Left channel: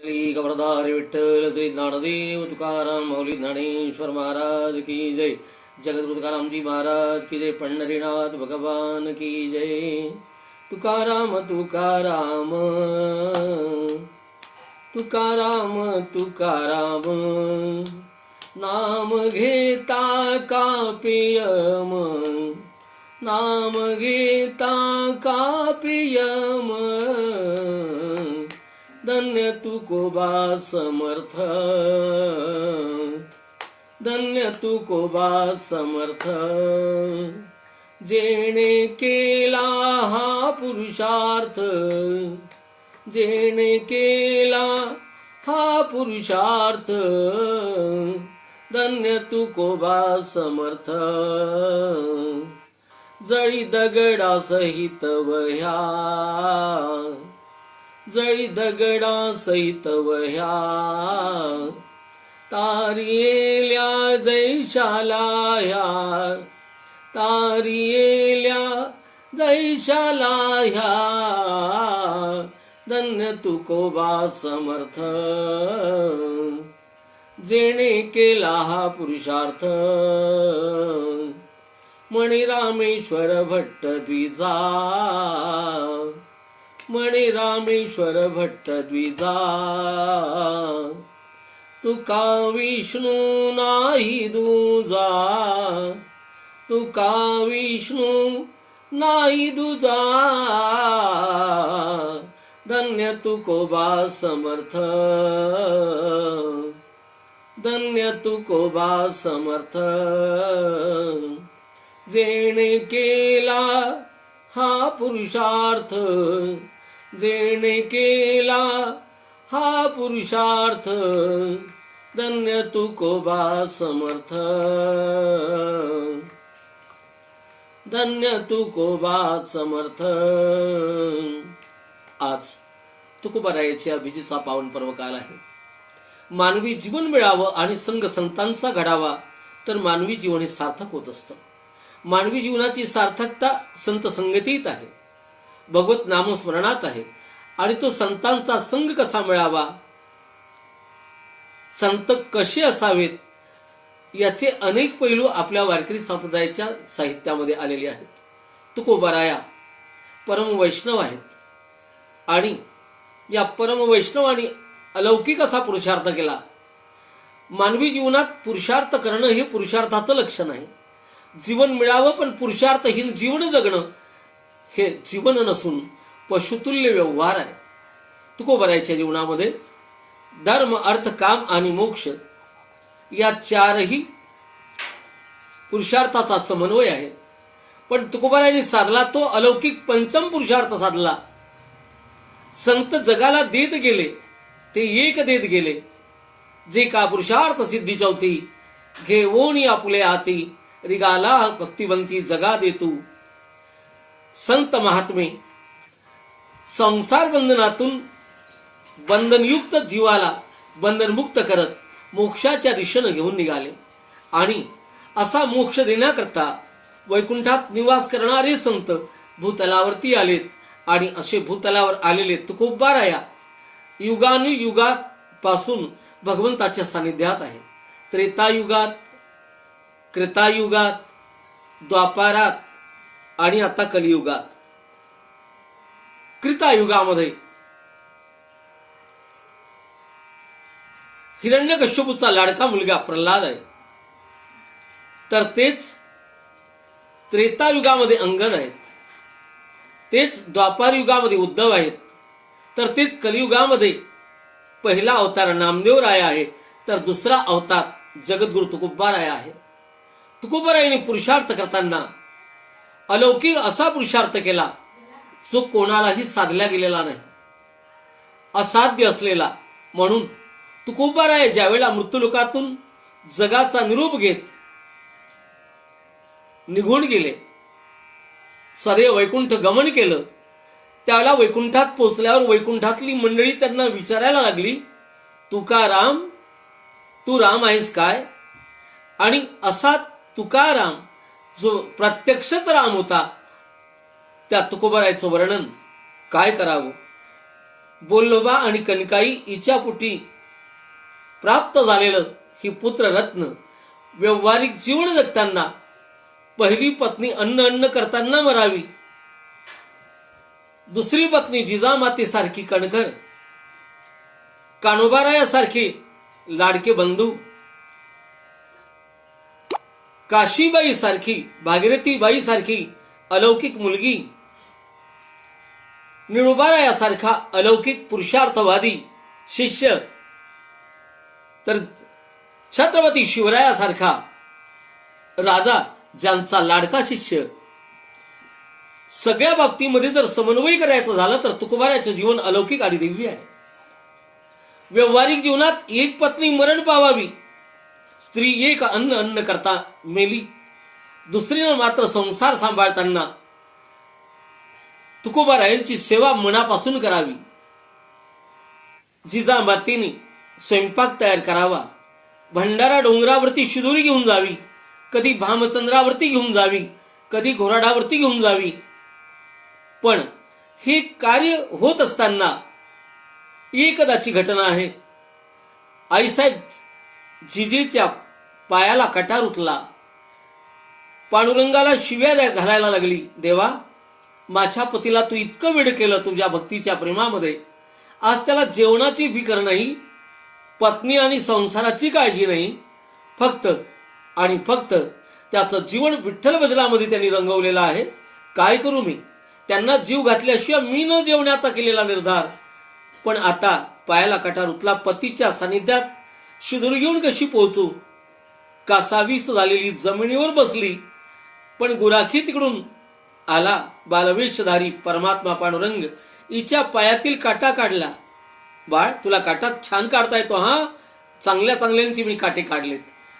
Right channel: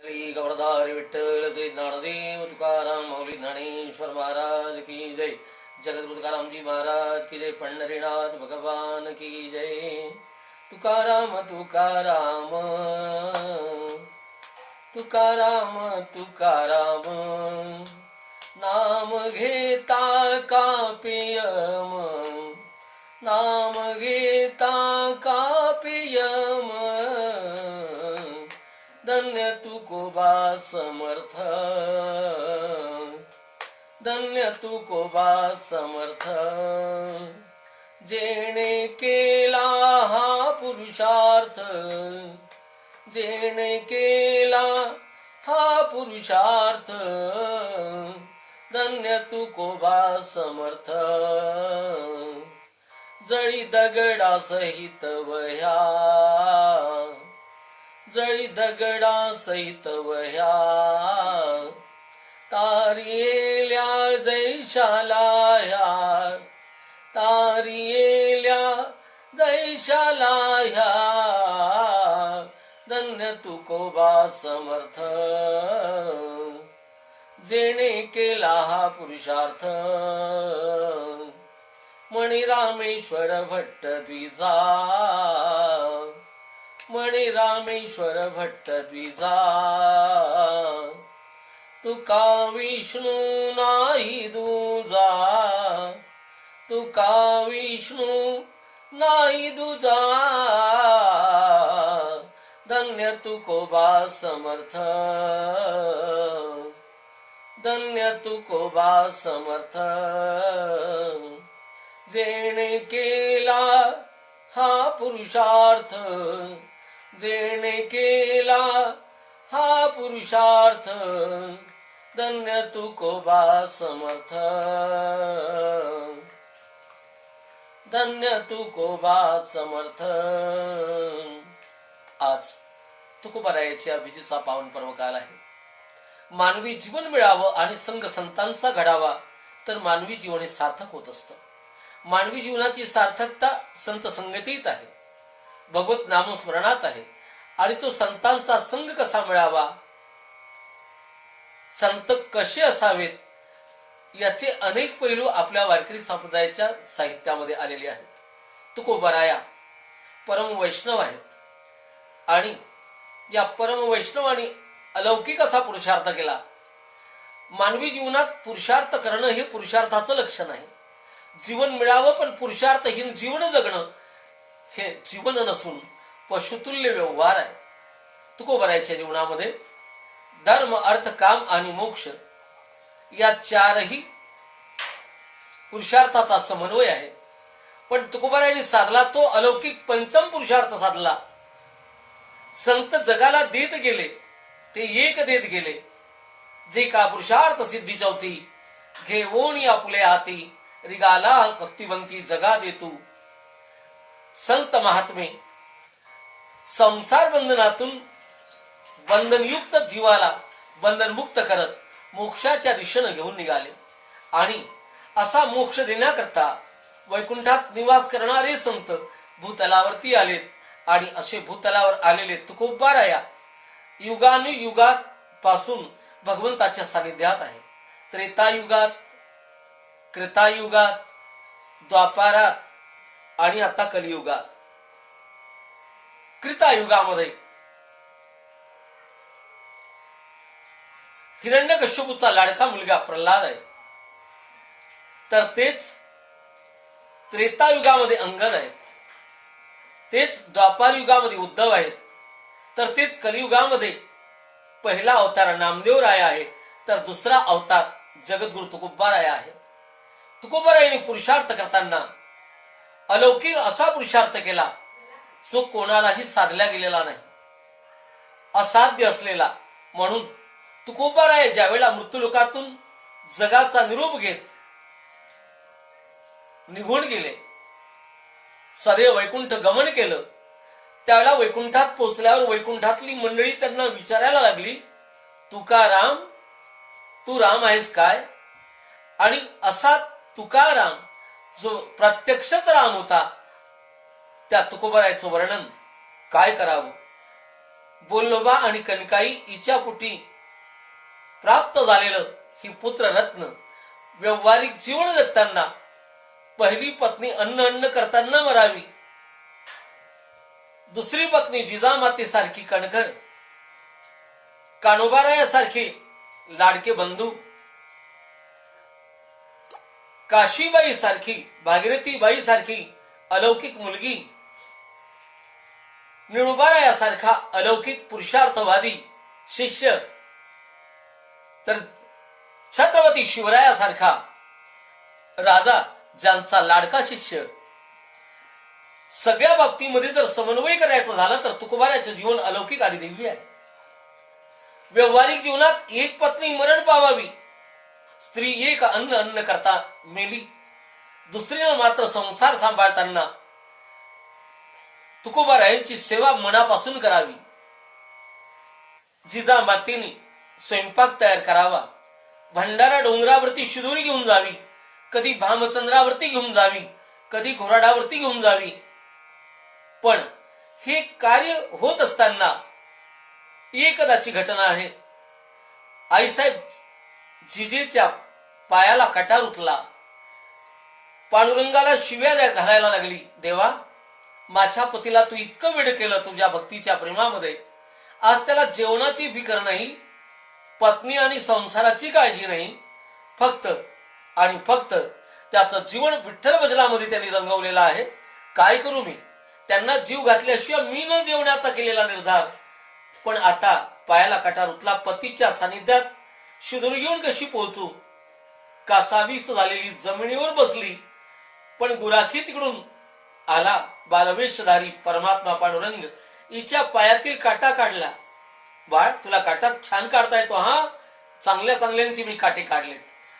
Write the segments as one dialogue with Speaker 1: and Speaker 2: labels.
Speaker 1: श्री विठ्ठल श्री ज्ञानदेव तुकाराम मौली ज्ञानेश्वर महाराज की जय जगद्गुरु तुकारामजी महाराज की जय पंढरीनाथ भगवान की जय तुकाराम तुकाराम तुकाराम तुकाराम नाम घेता का पियम तू कोबा समर्थ। धन्य तू कोबा समर्थ। जेणे केला हा पुरुषार्थ। जेणे केला हा पुरुषार्थ। धन्य तू कोबा समर्थ। जळी दगडा सहित वह्या। जळी दगडा सहित वह्या. तारियेल्या जैशाला ह्या. तारियेल्या जैशाला ह्या. धन्य तुकोबा समर्थ. जेणे केला हा पुरुषार्थ. मणिरामेश्वर भट्ट द्विजा. मणी रामेश्वर भट्ट द्विजा. तुका विष्णू नाही दुजा. तुका विष्णू नाही दुजा. धन्य तुकोबा समर्थ. धन्य तुकोबा समर्थ. जेणे केला हा पुरुषार्थ जेणे केला हा पुरुषार्थ धन्य तुकोबा समर्थ. धन्य तुकोबा समर्थ. आज तुकोबारायाच्या विजेचा पावन पर्व काल आहे. मानवी जीवन मिळावं आणि संघ संतांचा घडावा तर मानवी जीवन हे सार्थक होत असतं. मानवी जीवनाची सार्थकता संत संगतीत आहे. भगवत नामस्मरणात आहे. आणि तो संतांचा संघ कसा मिळावा? संत कसे असावेत? याचे अनेक पैलू आपल्या वारकरी संप्रदायाच्या साहित्यामध्ये आलेले आहेत. तुकोबराया परम वैष्णव आहेत. आणि या परम वैष्णवाने अलौकिक असा पुरुषार्थ केला. मानवी जीवनात पुरुषार्थ करणं हे पुरुषार्थाचं लक्षण आहे. जीवन मिळावं पण पुरुषार्थहीन जीवन जगणं हे जीवन नसून पशुतुल्य व्यवहार आहे. तुकोबरायच्या जीवनामध्ये धर्म अर्थ काम आणि मोक्ष या चारही पुरुषार्थाचा समन्वय आहे. पण तुकोबरायने साधला तो अलौकिक पंचम पुरुषार्थ साधला. संत जगाला देत गेले ते एक देत गेले. जे का पुरुषार्थ सिद्धी चौथी घेवोनी आपुले हाती रिगाला भक्तिवंती जगा देतू. संत महात्मे संसार बंधनातून बंधनयुक्त जीवाला बंधनमुक्त करत मोक्षाच्या दिशेनं घेऊन निघाले. आणि असा मोक्ष देण्याकरता वैकुंठात निवास करणारे संत भूतलावरती आलेत. आणि असे भूतलावर आलेले तुकोबाराया युगानुयुगात पासून भगवंताच्या सानिध्यात आहे. त्रेतायुगात कृतायुगात द्वापारात आणि आता कलियुगात. कृतायुगामध्ये हिरण्यकश्यपूचा लाडका मुलगा प्रल्हाद आहे. तर तेच त्रेतायुगामध्ये अंगद आहेत. तेच द्वापार युगामध्ये उद्धव आहेत. तर तेच कलियुगामध्ये पहिला अवतार नामदेव राय आहे. तर दुसरा अवतार जगद्गुरु तुकोबाराय आहे. तुकोबारायने पुरुषार्थ करताना अलौकिक असा पुरुषार्थ केला जो कोणालाही साधला गेलेला नाही. असाध्य असलेला म्हणून तुकोबाराय ज्यावेळेला मृत्यूलोकातून जगाचा निरूप घेत निघून गेले सदैव वैकुंठ गमन केलं त्यावेळेला वैकुंठात पोचल्यावर वैकुंठातली मंडळी त्यांना विचारायला लागली तुकाराम तू राम आहेस काय? आणि असा तुकाराम जो प्रत्यक्षच राम होता त्या तुकोबरायचं वर्णन काय करावं? बोल्लोबा आणि कणकाई इच्या पोटी प्राप्त झालेलं ही पुत्ररत्न व्यवहारिक जीवन जगताना पहिली पत्नी अन्न अन्न करताना मरावी. दुसरी पत्नी जिजामातेसारखी कणखर कानोबारायासारखे लाडके बंधू काशीबाई सारखी भागीरथीबाई सारखी अलौकिक मुलगी निळुबारायासारखा अलौकिक पुरुषार्थवादी शिष्य तर छत्रपती शिवरायासारखा राजा ज्यांचा लाडका शिष्य. सगळ्या बाबतीमध्ये जर समन्वय करायचं झालं तर तुकोबाराचं जीवन अलौकिक आणि दिव्य आहे. व्यवहारिक जीवनात एक पत्नी मरण पावावी स्त्री एक अन्न अन्न करता मेली. दुसरीनं मात्र संसार सांभाळताना तुकोबारायांची सेवा मनापासून करावी. जिजामातेने स्वयंपाक तयार करावा. भंडारा डोंगरावरती शिदोरी घेऊन जावी. कधी भामचंद्रावरती घेऊन जावी. कधी घोराडावरती घेऊन जावी. पण हे कार्य होत असताना एकदाची घटना आहे. आईसाहेब जिजेच्या पायाला कटार उठला. पांडुरंगाला शिव्या द्या- घालायला लागली. देवा माझ्या पतीला तू इतकं वेळ केलं तुझ्या भक्तीच्या प्रेमामध्ये. आज त्याला जेवणाची फिकर नाही पत्नी आणि संसाराची काळजी नाही. फक्त आणि फक्त त्याचं जीवन विठ्ठल भजनामध्ये त्यांनी रंगवलेलं आहे. काय करू मी? त्यांना जीव घातल्याशिवाय मी न जेवण्याचा केलेला निर्धार. पण आता पायाला कटार उतला पतीच्या सानिध्यात शिदूर घेऊन कशी पोहोचू? कासावीस झालेली जमिनीवर बसली. पण गुराखी तिकडून आला. बालवेशधारी परमात्मा पांडुरंग हिच्या पायातील काटा काढला. बाळ तुला काटा छान काढता येतो हा? चांगल्या चांगल्यांची मी काटे काढलेत.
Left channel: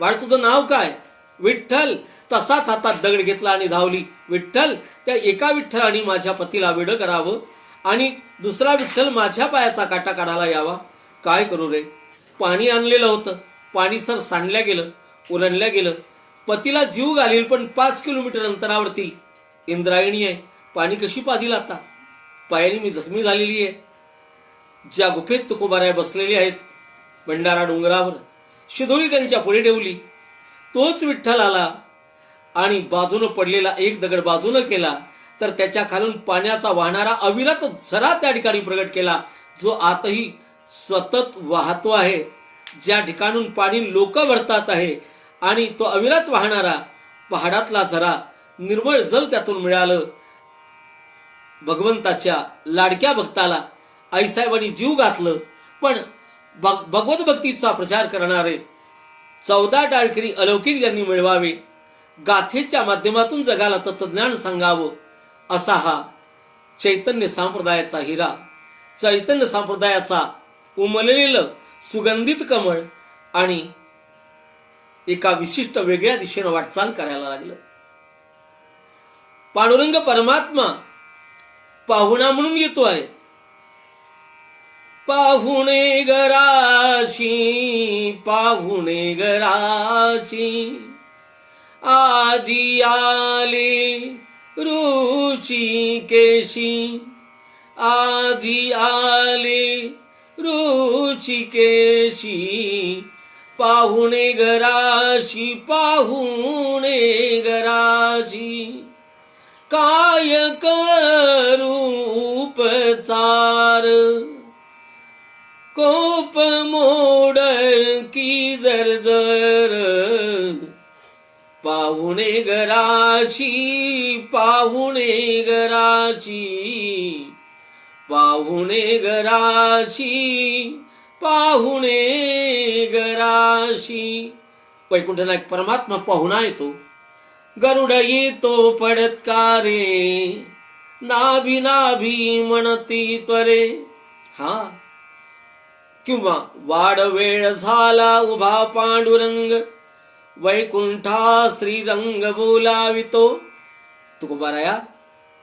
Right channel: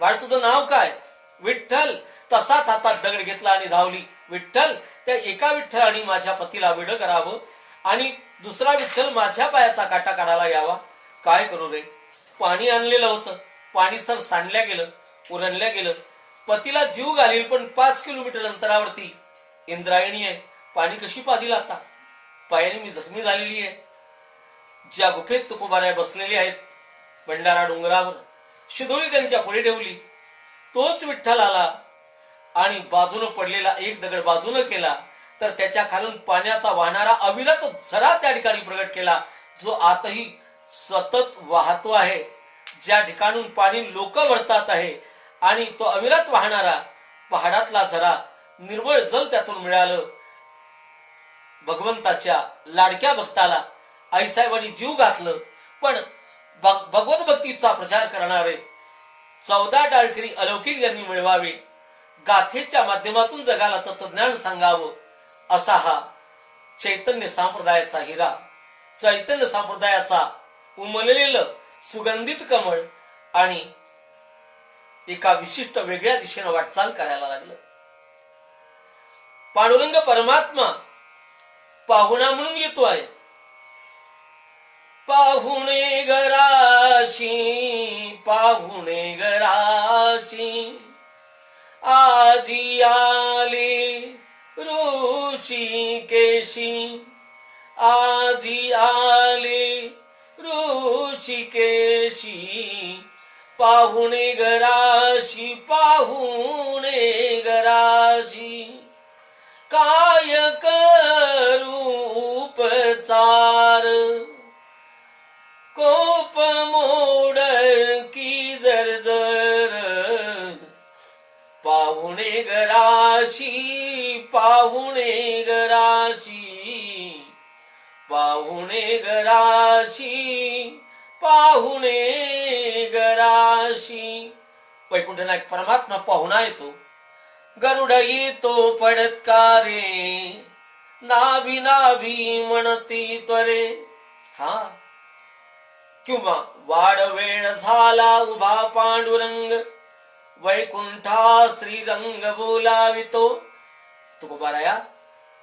Speaker 1: बाळ तुझं नाव काय? विठ्ठल. तसाच हातात दगड घेतला आणि धावली. विठ्ठल त्या एका विठ्ठलाने माझ्या पतीला वेड करावं आणि दुसरा विठ्ठल माझ्या पायाचा काटा काढायला यावा. काय करू रे? पाणी आणलेलं होतं. पाणी सर सांडल्या गेलं उरणल्या गेलं. पतीला जीव घालील पण पाच किलोमीटर अंतरावरती. इंद्रायणी आहे. पाणी कशी पाजील आता? पायाने मी जखमी झालेली आहे. ज्या गुफेत तुकोबाराय बसलेले आहेत भंडारा डोंगरावर शिदोळी त्यांच्या पुढे ठेवली. तोच विठ्ठल आला आणि बाजूनं पडलेला एक दगड बाजूनं केला तर त्याच्या खालून पाण्याचा वाहणारा अविरत झरा त्या ठिकाणी प्रगट केला जो आतही सतत वाहतो आहे. ज्या ठिकाणून पाणी लोक वळतात आहे आणि तो अविरत वाहणारा पहाडातला झरा निर्मळ जल त्यातून मिळालं. भगवंताच्या लाडक्या भक्ताला आईसाहेबांनी जीव घातलं. पण भग- भगवत भक्तीचा प्रचार करणारे चौदा डाळकरी अलौकिक यांनी मिळवावे. गाथेच्या माध्यमातून जगाला तत्वज्ञान सांगावं असा हा चैतन्य संप्रदायाचा हिरा. चैतन्य संप्रदायाचा उमललेलं सुगंधित कमळ आणि एका विशिष्ट वेगळ्या दिशेनं वाटचाल करायला लागलं. पांडुरंग परमात्मा पाहुणा म्हणून येतोय पाहुणे घराची पाहुणे घराची आजी आले रुची केशी आजी आले ऋषिकेशी पाहुणे घराशी पाहुणे घराशी काय करूपचार कोप मोड की जर जर पाहुणे घराशी पाहुणे घराची पाहुणे घराशी पाहुणे गराशी वैकुंठनायक परमात्मा पाहुणा येतो. गरुड येतो पडत्कारे. नाभी नाभी म्हणती त्वरे. हा. किंवा वाड वेळ झाला उभा पांडुरंग. वैकुंठा श्रीरंग बोलावितो. तुकोबाराया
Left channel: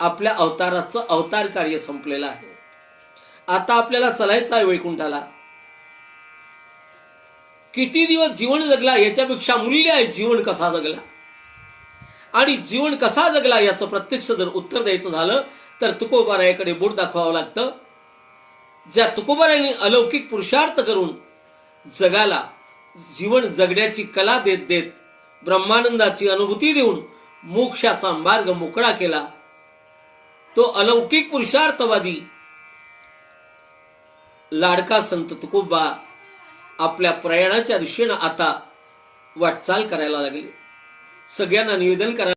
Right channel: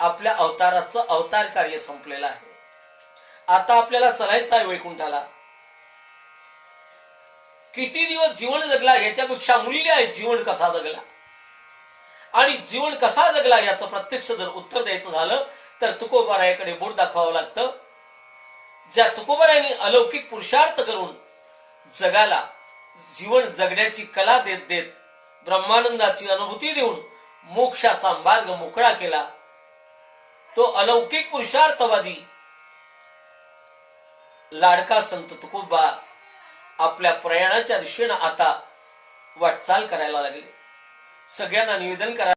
Speaker 1: आपल्या अवताराचं अवतार कार्य संपलेलं आहे. आता आपल्याला चलायचं आहे वैकुंठाला. किती दिवस जीवन जगला याच्यापेक्षा मूल्य आहे जीवन कसा जगला? आणि जीवन कसा जगला याचं प्रत्यक्ष जर उत्तर द्यायचं झालं तर तुकोबारायाकडे बोट दाखवावं लागतं. ज्या तुकोबरायांनी अलौकिक पुरुषार्थ करून जगाला जीवन जगण्याची कला देत देत ब्रह्मानंदाची अनुभूती देऊन मोक्षाचा मार्ग मोकळा केला तो अलौकिक पुरुषार्थवादी लाडका संत तुकोबा आपल्या प्रयाणाच्या दिशेनं आता वाटचाल करायला लागली. सगळ्यांना निवेदन करा